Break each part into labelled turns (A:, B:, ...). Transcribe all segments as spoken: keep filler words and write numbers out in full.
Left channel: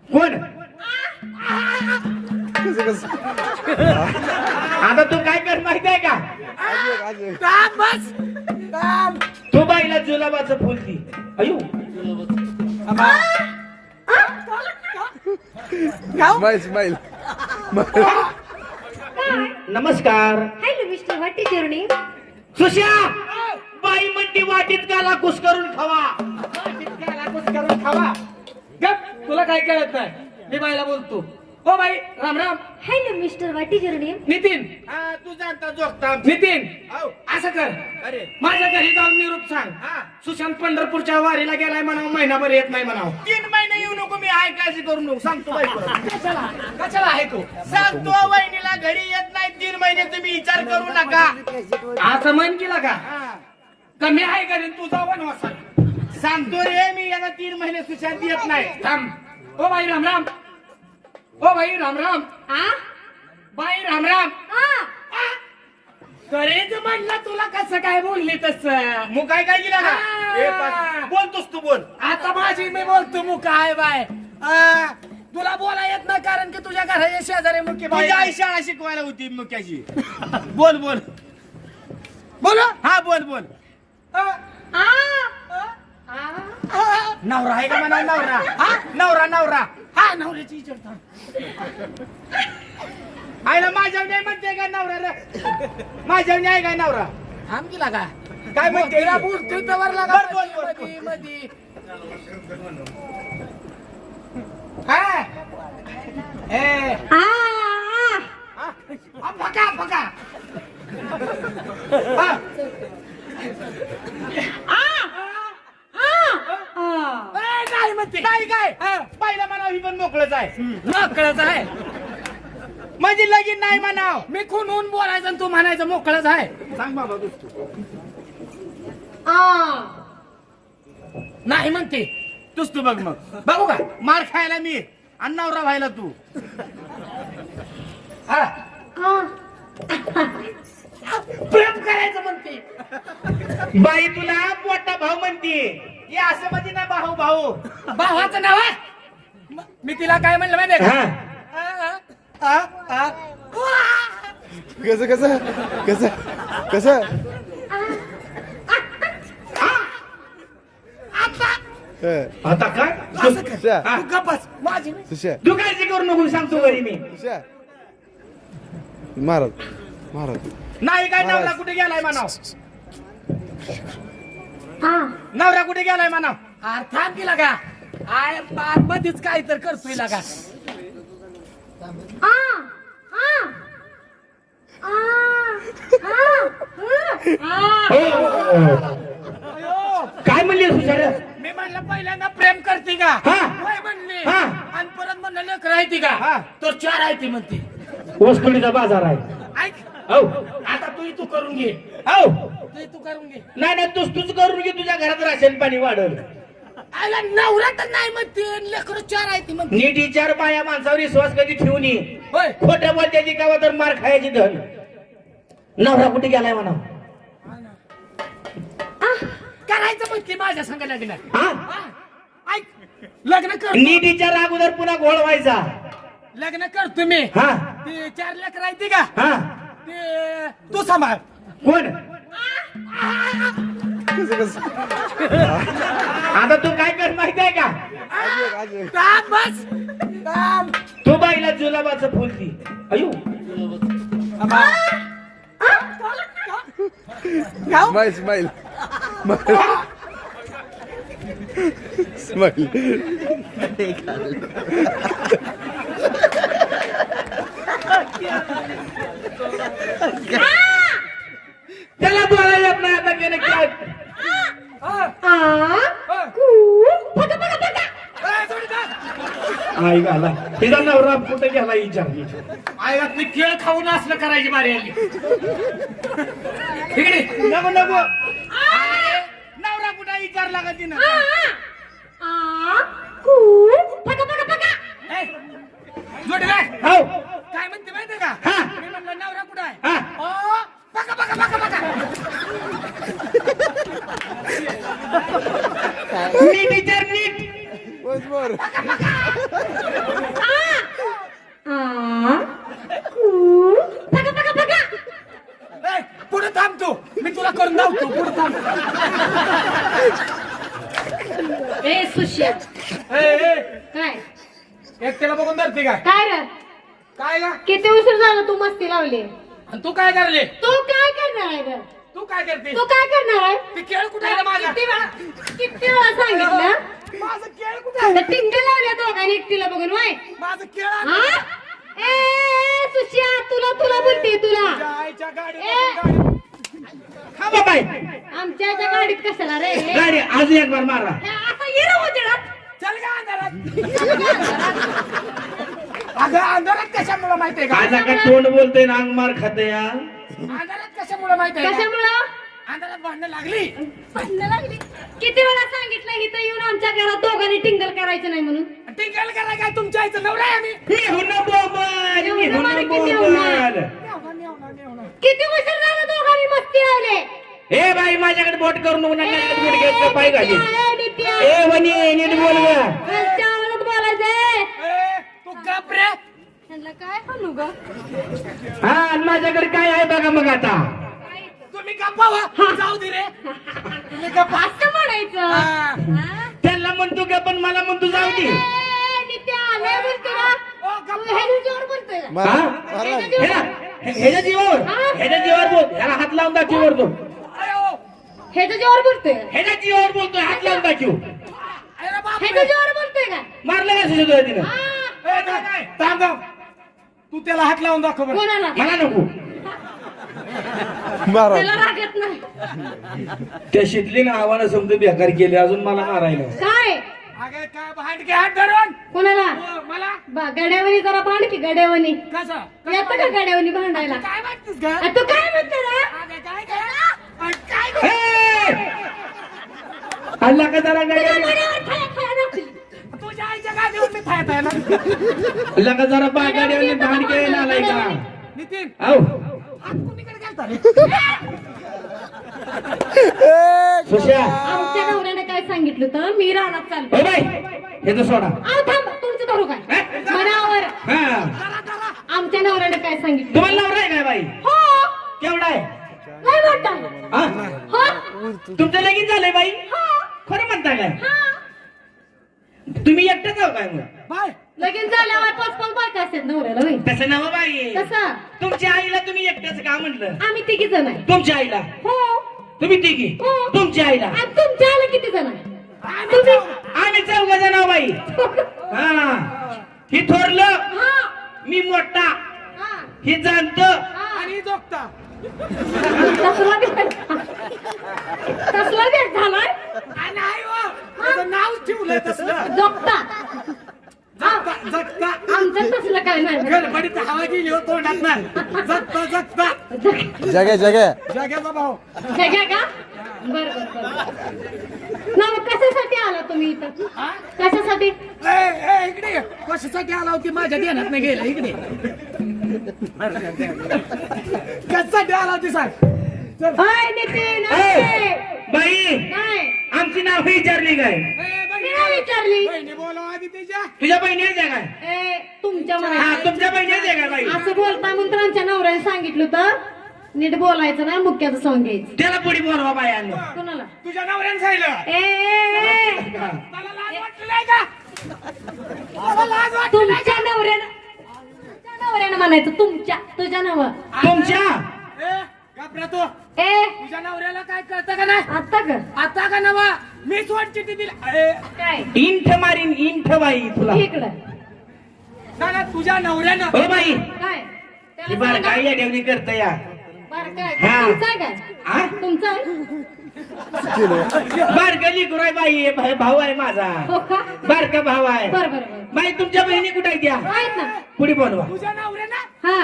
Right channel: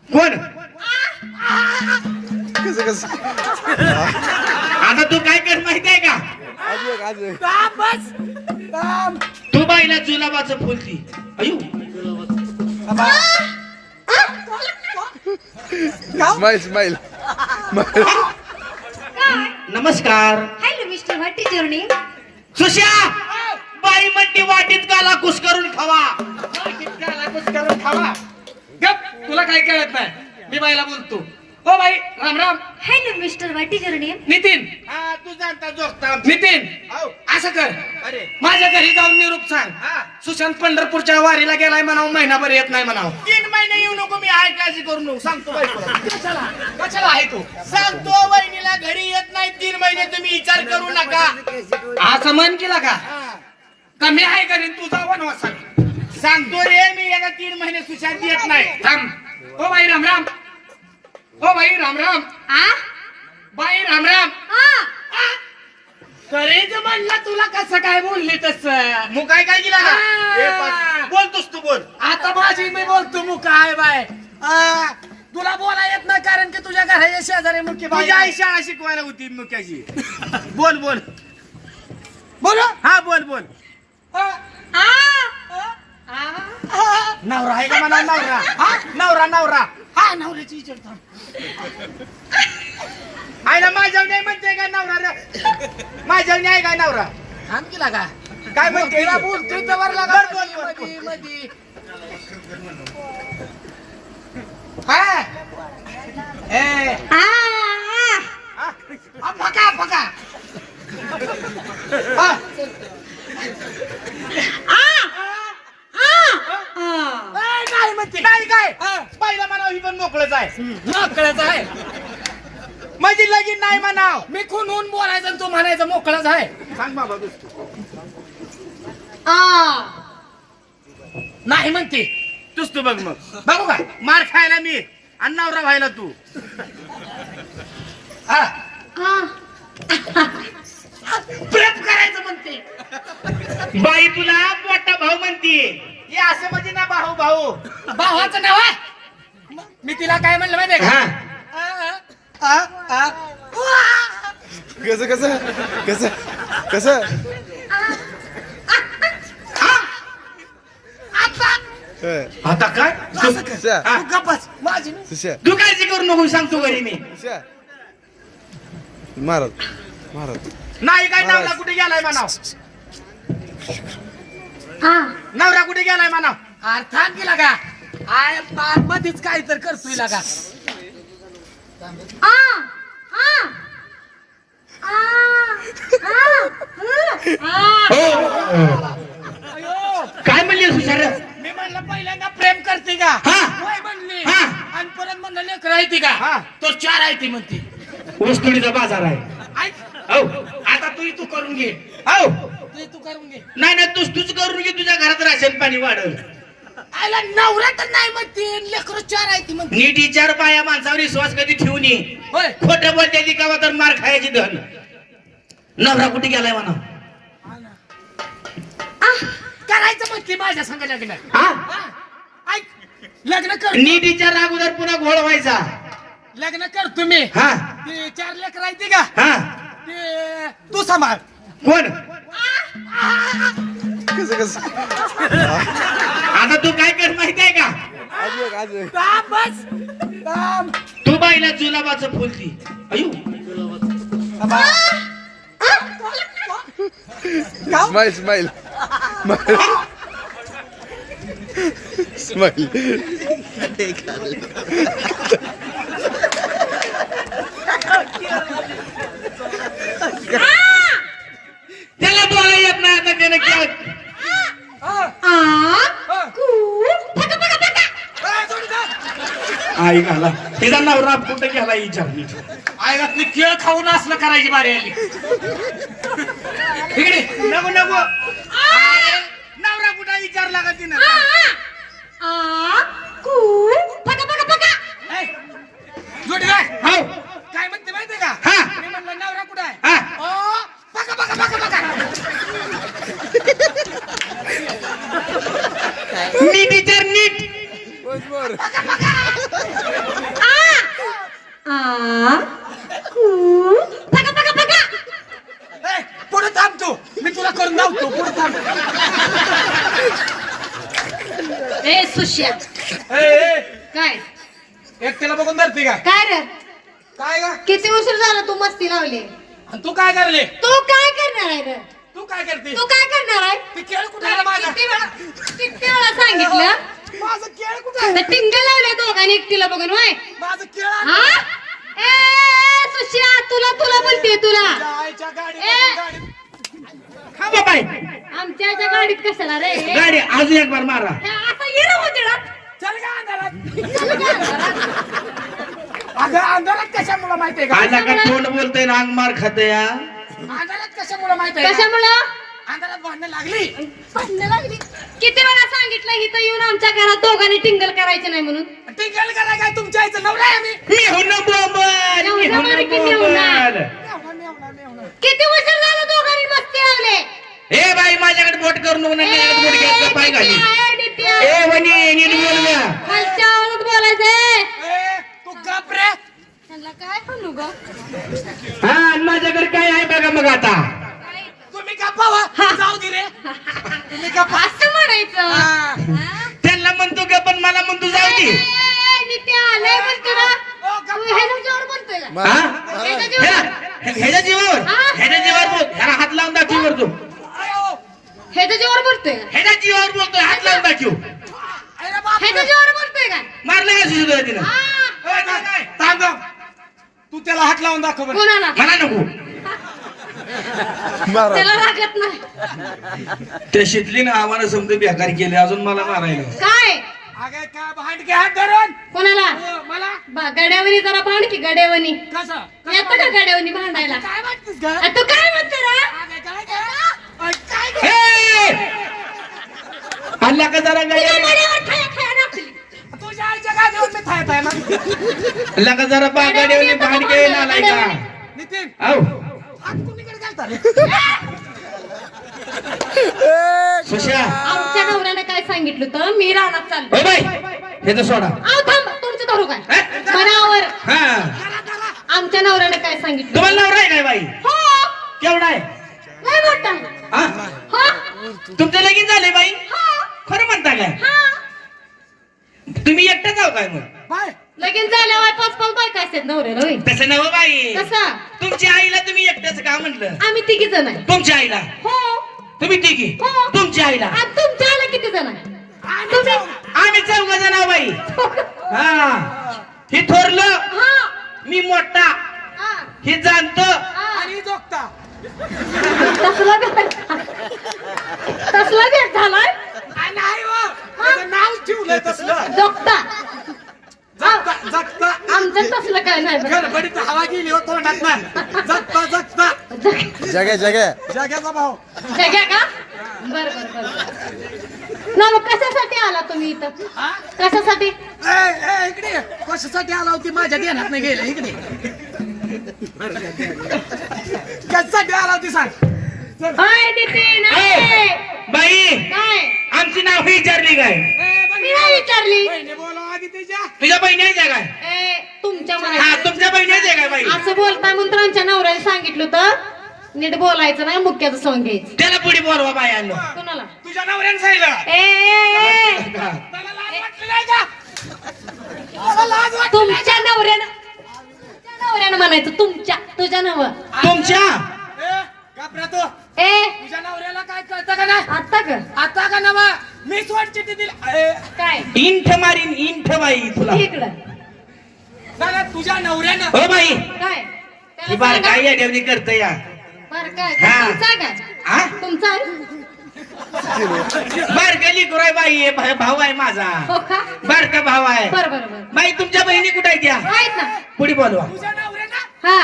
A: कोण
B: कसं कसं
A: आता तू काय कर माहित आहे का
B: अजून अजून
C: काम बस काम
A: तू बाईला जुलाबाचं फुल ती अयो
B: स्माइल स्माइल
A: नमस्कार
D: hello mister what is your name
A: Sushya बाई म्हणते वाटीत गाला कुस करून खावा
C: करून खावा गप तुला काय कळत नाही मी बाईला बोलतो हो बाई राम राम
D: hello mister what is your name
C: Nitin
E: हा तू जाणता जोगता
C: नितीन
E: आव.
C: असं कर
E: अरे
C: माझ्या घरी जाऊन निरूप सांग
E: हा.
C: सुशांत पंढरपूरच्या वारीला गेलाय म्हणावं महिनाभर येत नाही म्हणावं
E: तीन महिने येऊ नको मी आहे काळजी करू नको सांगतो बायकोला
C: कशाला कशाला आहे तू
E: सांगतो वहिनीला घरी येत नाही तीन महिने तुम्ही विचार करू नका
C: असं मन केला का
E: हा.
C: कमी आहे घरी तू जाऊ वनवास सांग
E: सांगतो रे मी याला तीन महिने सुशांत येत नाही
C: थांब हो बाई राम राम हो बाई राम राम
D: आ
C: बाई राम राम
D: आ
C: करेज म्हणला तुला कसं काय बोलली तस
E: मग काय काय केला का
C: आ.
E: हे पाच- बोलतोस तू बोल
C: आता माझी मी बोलतो मग काय बाय आ, तुला बोला येत नाही कारण की तुझ्या घराच्या शेजारी मुख्य बाई
E: तुझ्या आई
C: आहे.
E: शाळा शिकवायला होती मुख्याची बोल बोल
C: बोलो
E: हा बोल बोल
C: आ,
D: आ
C: आ,
E: नवरा आहे का म्हणा नवरा हा नवरा नवरा
C: हा नवऱ्याची विचार थांब.
E: आईला माझ्या नाही म्हणते काय नवरा रे माझ्या नाही काय नवरा
C: थांब केला का
E: काय म्हणते
C: तिला बोलतोय त्यावर लागा
E: बर, बोल, बोल,
C: मधी मधी हा ए
D: आ
C: आ, फका फका हा. ए, काय म्हणते
E: नाही काय
C: हा.
E: पहिला म्हणाव ही पण मोकळच आहे
C: मोकळच आहे
E: म्हणजे लगीन नाही म्हणाव
C: मी खून बोलायचं आणि तू म्हणायचं मोकळच आहे
E: सांग बाबा तू
D: आ
C: नाही म्हणते
E: तूच तू बघ मग
C: बघू का
E: मार खायला मी आणि नवरा व्हायला तू
C: हा
D: आ
C: प्रेम करायचं म्हणते
A: बाई तुला मोठा भाऊ म्हणते
E: हे असं म्हणजे ना भाऊ भाऊ
C: भावाचं नाव आहे म- मी तिला काय म्हणलं माहितीये का
A: हा
C: आ, आ, आ, आ.
B: कसं कसं कसं कसं हं.
A: आता काय
B: सुशा
C: तू गप्पच माझी नाही.
B: सुशा
A: तू काळजी करू नको सांगतो घरी मी
B: सुशा महाराज महाराज
E: नाही काय
B: महाराज.
E: नवरा कुठे गेलाय म्हणाव
D: आ
E: नवरा कुठे गेलाय म्हणाव
C: अर्थात गेला का आय बाग मध्येच काय तर करतोय लागा
D: आ आ
C: अयो
A: काय म्हणली सुशार
C: मी म्हणलं पहिल्यांदा प्रेम करते का
A: हा.
C: वय म्हणली
A: हा.
C: आणि परत म्हणलं लेकर आहे ती का
E: हा.
C: तो चार आहे ती म्हणते
A: वस्तुडीचा बाजार आहे
C: ऐक
A: हो
C: आता तू तू करून घे
A: हो
C: तू तू करून घे
A: नाही नाही तूच तूच करून घे तुझ्या घरात राशन पाणी वाढल
C: आयला नवरा तर नाही म्हणते लेकर चार आहे ती म्हणते
A: नीट विचार बाया माणसावर विश्वास कधी ठेवून ये
C: होय
A: खोटं बोलते ती कावा तर मार खायची धन नवरा कुठे गेलाय म्हणा
C: करायचं म्हणते माझ्या संग लग्न
A: हा
C: हा. ऐक लग्न कर
A: नीट विचार अगोदर पुन्हा घोळ व्हायचा
C: लग्न कर तुम्ही
A: हा
C: ते चार लेकर आहे ती का
A: हा
C: ते तू सांभाळ
A: कोण
B: कसं कसं
A: आता तू काय कर माहित आहे का
B: अजून अजून
C: काम बस काम
A: तू बाईला जुलाबाचं फुल ती अयो
B: स्माइल स्माइल स्माइल
A: त्याला बोला येत नाही आता त्याने काय
D: आ कू फका फका फका
A: आई घाला तिचा नवरा कुठे गेला विचार
C: आईला ती केळ खाऊन असलं करायची बारी आली इकडे
E: नको नको अरे, नवरा कुठे विचारला का तिनं
D: आ कू फका फका फका
C: जोडी काय
A: हो
C: काय म्हणते माहितीये का
A: हा.
C: मी म्हणलं नवरा कुठं आहे
A: हा
C: ओ, बघा बघा बघा बघा
A: नीट विचार नीट
B: बस बर
D: सुश्या
C: ए, ए,
D: काय
C: एकट्याला बघून धरते काय
D: काय रे
C: काय का
D: किती उशीर झाला तू मस्ती लावली
C: आणि तू काय करले
D: तू काय करणार आहे रे
C: तू काय करते
D: तू काय करणार आहे
C: ती केळ कुठे आहे रे माझा
D: किती वेळा किती वेळा सांगितलं
C: माझं केळ कुठे आहे
D: तर टिंग लावल्या दोघांनी एकटीला बघून वाय
C: माझं केळ आण.
D: हा ए सुशिया तुला तुला बोलते तुला
C: तुझ्या आईच्या गाडी
D: ए.
A: हा बाबाई
D: आमच्या इथं गाडीत कशाला रे हे
A: गाडी आज एक बार मारा
D: असं ये ना उजेडात.
C: चल का अंधारात
D: चल गं.
C: अगं अंधारात कशामुळे माहितीये का
A: आज का तोंड बोलतोय ना अंग मार खात या
C: अंधारात कशामुळे माहितीये का
D: कशामुळं
C: अंधारात भांडणं लागली
D: भांडणं लागली किती वेळा सांगितलं इथं येऊन आमच्या घरात दोघांनी टिंगल करायचं नाही म्हणून
C: टिंगल करा काय तुमच्या आईचं नवरा आहे आम्ही
A: मी हुन बोंबल मी हुन
D: एवढं किती
A: बोंबल
C: मेवणा, मेवणा, मेवणा.
D: किती उशीर झाला दोघांनी मस्ती लावले
A: ए बाई माझ्याकडे बोट करून नको ना बोट घ्यायचं पाय घाली
D: ए, डिप्या.
A: ए बनी नीट बोल गं.
D: खालच्या आवाजात बोलायचंय
C: ए, तू गप रे
D: ह्यांना काय म्हणू ग
A: हा आणि माझ्याकडे काय आहे बघा मग आता
C: तुम्ही गप्पा व्हा जाऊ दे रे तुम्ही गप्पा
D: असं म्हणायचं
C: हा.
D: हा?
A: त्यांना म्हणतो का पण मला म्हणतो जाऊ दे
D: ए, ए, डिप्या, लय बोलतो ना.
C: ओ, गप्पा.
D: तू ह्याच्या जोर बोलतोय का?
B: महाराज
A: हा?
B: महाराज
A: ह्या- ह्याच्या जीवावर ह्याच्या जीवावर बोल ह्याला हात लावून दाखव वर तू
C: अयो,
D: ह्याच्या जोर बोलतोय का?
A: ह्याच्या जीवावर बोलतोय हात लावून दाखव
C: अरे बाप रे.
D: ह्याच्या जोर बोलतोय का
A: मारलं का सुद्धा तिनं
D: हा.
C: ए, थांब, थांब, थांब. तू त्याला हात लावून दाखव बरं
D: कोणाला
A: मला नको
B: महाराज
D: त्याला रागत नाही
A: त्या शितलीनं आव्हानं समजा बेकार केले अजून मला मारायला
D: काय
C: अगे काय भांडके हात धरून
D: कोणाला
C: अयो, मला
D: बा गड्यावनी जरा भांड की गड्यावनी
C: कसं
D: येतं का गड्यावनी भांडायला
C: काय वाटतस का
D: आ, तू काय म्हणतो रे
C: अगे काय काय अरे, काय गं?
A: हे! अल्ला का जरा
D: तिला
A: गाडी
D: गड्यावर खाया खाया नाचली.
C: तुझ्या आईच्या गादीवर मी थायत आहे ना
A: अल्ला का जरा बागाडीवाली भांड घ्यायला आलाय का
C: नितीन
A: औ
C: हात कुणीकडे घालता रे
A: सुशा
D: आमच्या नवऱ्याने काय सांगितलं होतं मी रानात चाललो
A: ओ बाई हे तर सोडा
D: आव थांब तुमचं धरू काय
A: हे?
D: मनावर
A: हा
D: आमच्या नवऱ्याने काय सांगितलं
A: तुम्हाला नवरा आहे काय बाई
D: हो
A: केवढा आहे
D: काय म्हणता
A: हा
D: हो
A: तुमचं लगीन झाले बाई
D: हो
A: खरं म्हणता काय
D: हा
A: तुम्ही एकटाच आहो काय मग
C: बाय
D: लगीन झाल्यावर पाच पाच बायका असतात नवऱ्याला होय
A: तसं नव बाई
D: कसं
A: तुमच्या आईला तुम्ही एकटाच का म्हणलं
D: आम्ही तिघी जण आहे
A: तुमच्या आईला
D: हो
A: तुम्ही तिघी
D: हो.
A: तुमच्या आईला
D: आणि तुमच्या आला किती जण आहे तुम्ही
A: आम्ही चौघ जण आहो बाई हा ही थोरलं
D: हा
A: मी मोठा
D: हा
A: ही जाणत
D: हा
C: आणि जोगता
D: तसला भेट तसला भेट झालाय
C: आ, नाही हो त्याचं नाव ठेवलंय तसलं
D: जोगता
C: जगता जगता
D: आमचं तसलं काय नाही
C: गडबडीत हवा गेली हो तोंडात ना जगता जगता
B: जगे जगे
C: जग्याचा भाऊ
D: जग्या का बर बर बर ना मग कशासाठी आला तुम्ही इथं
C: हा?
D: कशासाठी
C: ए, ए, इकडे ये. कशासाठी आला होती माझ्या ध्यानात नाही गेला इकडे कशासाठी आला होती सांग चल.
D: हाय नितीन हाय.
A: बाई
D: काय
A: आमची नाव विचारली काय
C: ए, बहिणी,
D: मी नाही विचारली
C: बहिणी बोलावं आधी तिच्या
A: तुझ्या बहिणी आहे काय
D: ए तुमच्या
A: हा
D: म्हणायचं
A: तुमच्या बहिणी आहे काय बाई
D: असं बोलता म्हणून तर आमच्या नवऱ्याने सांगितलं होतं नीट बोलायचं नाही मुक्याचं सॉंग घ्यायचं
A: त्याला पुढे बोलवा बायांनो
D: कोणाला
C: तुझ्या नवऱ्यानं सांगितलं
D: ए, ए ए.
C: त्याला लाज वाटली नाही का त्याला लाज वाटली नाही
D: तुमच्या नवऱ्यानं तुमच्या नवऱ्यानं म्हणायचं तुमच्या तुझ्या नव
A: तुमच्या
C: का? ए, घाबरा तू
D: ए
C: तुझ्या नवऱ्याला काय कळतं का नाही
D: आता का
C: आता का नवा मी वाट चिठ्ठी दिली ए,
D: काय
A: इंठ मारीन इंठ बाई तुला
D: इकडं
C: दादा तुझ्या नवऱ्यानं
A: हो बाई
D: काय
A: ही
D: त्याला
A: बार
D: सांगा.
A: काय या ठेवणी करत या
D: बरं काय
A: हा.
D: तुमचा काय
A: हा
D: तुमचा आहे?
A: बार गली गुराय बाई हे भा- भाऊ आहे माझा
D: हो का
A: बारका भाऊ आहे
D: बरं बरं बरं
A: बाई तुमच्या बहिणी कुठे आहेत त्या
D: आहेत ना
A: पुढे बोलवा
C: तुझ्या नवऱ्यानं
D: हा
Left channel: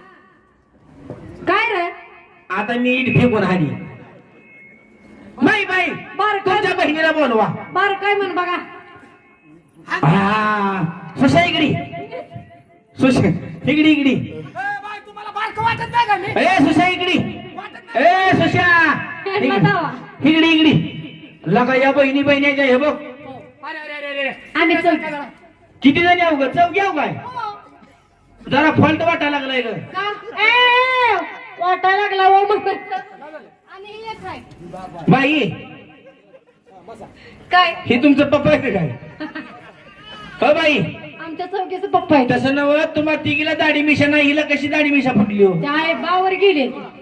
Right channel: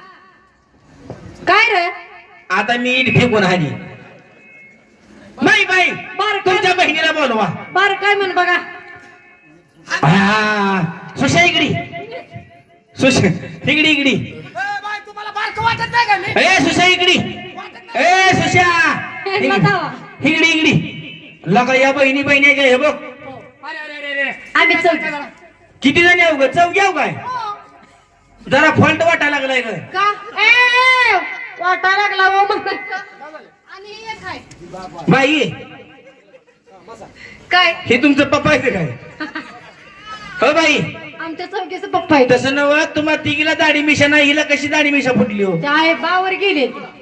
D: काय रे
A: आता मी इट फेकून आली बाई बाई
D: बरं
A: तुमच्या बहिणीला बोलवा
D: बरं काय म्हण बघा
A: हा सुशा इकडी सुशा इकडी इकडी
C: ए, बाय तुम्हाला बारकं वाटत नाही का मी
A: ए सुशा इकडी
C: वाटत नाही
A: ए सुशा
D: हे बतावा.
A: इकडी इकडी लगा या बहिणी बहिणी आहे का हे बघ
C: अरे अरे अरे अरे
D: आम्ही चल
A: किती जण येऊ ग चौघ येऊ काय जरा फॉल्ट वाटायला लागलाय ग
D: का ए वाटा लागला हो म्हणायचं आणि हे काय
A: बाई
D: काय
A: हे तुमचं पप्पा आहे का काय हो बाई
D: आमच्या चौकीचं पप्पा आहे
A: तसं नव तुम्हाला तिघीला दाढी मिशा नाही हिला कशी दाढी मिशा फुटली हो
D: त्या आहे बावर गेले ते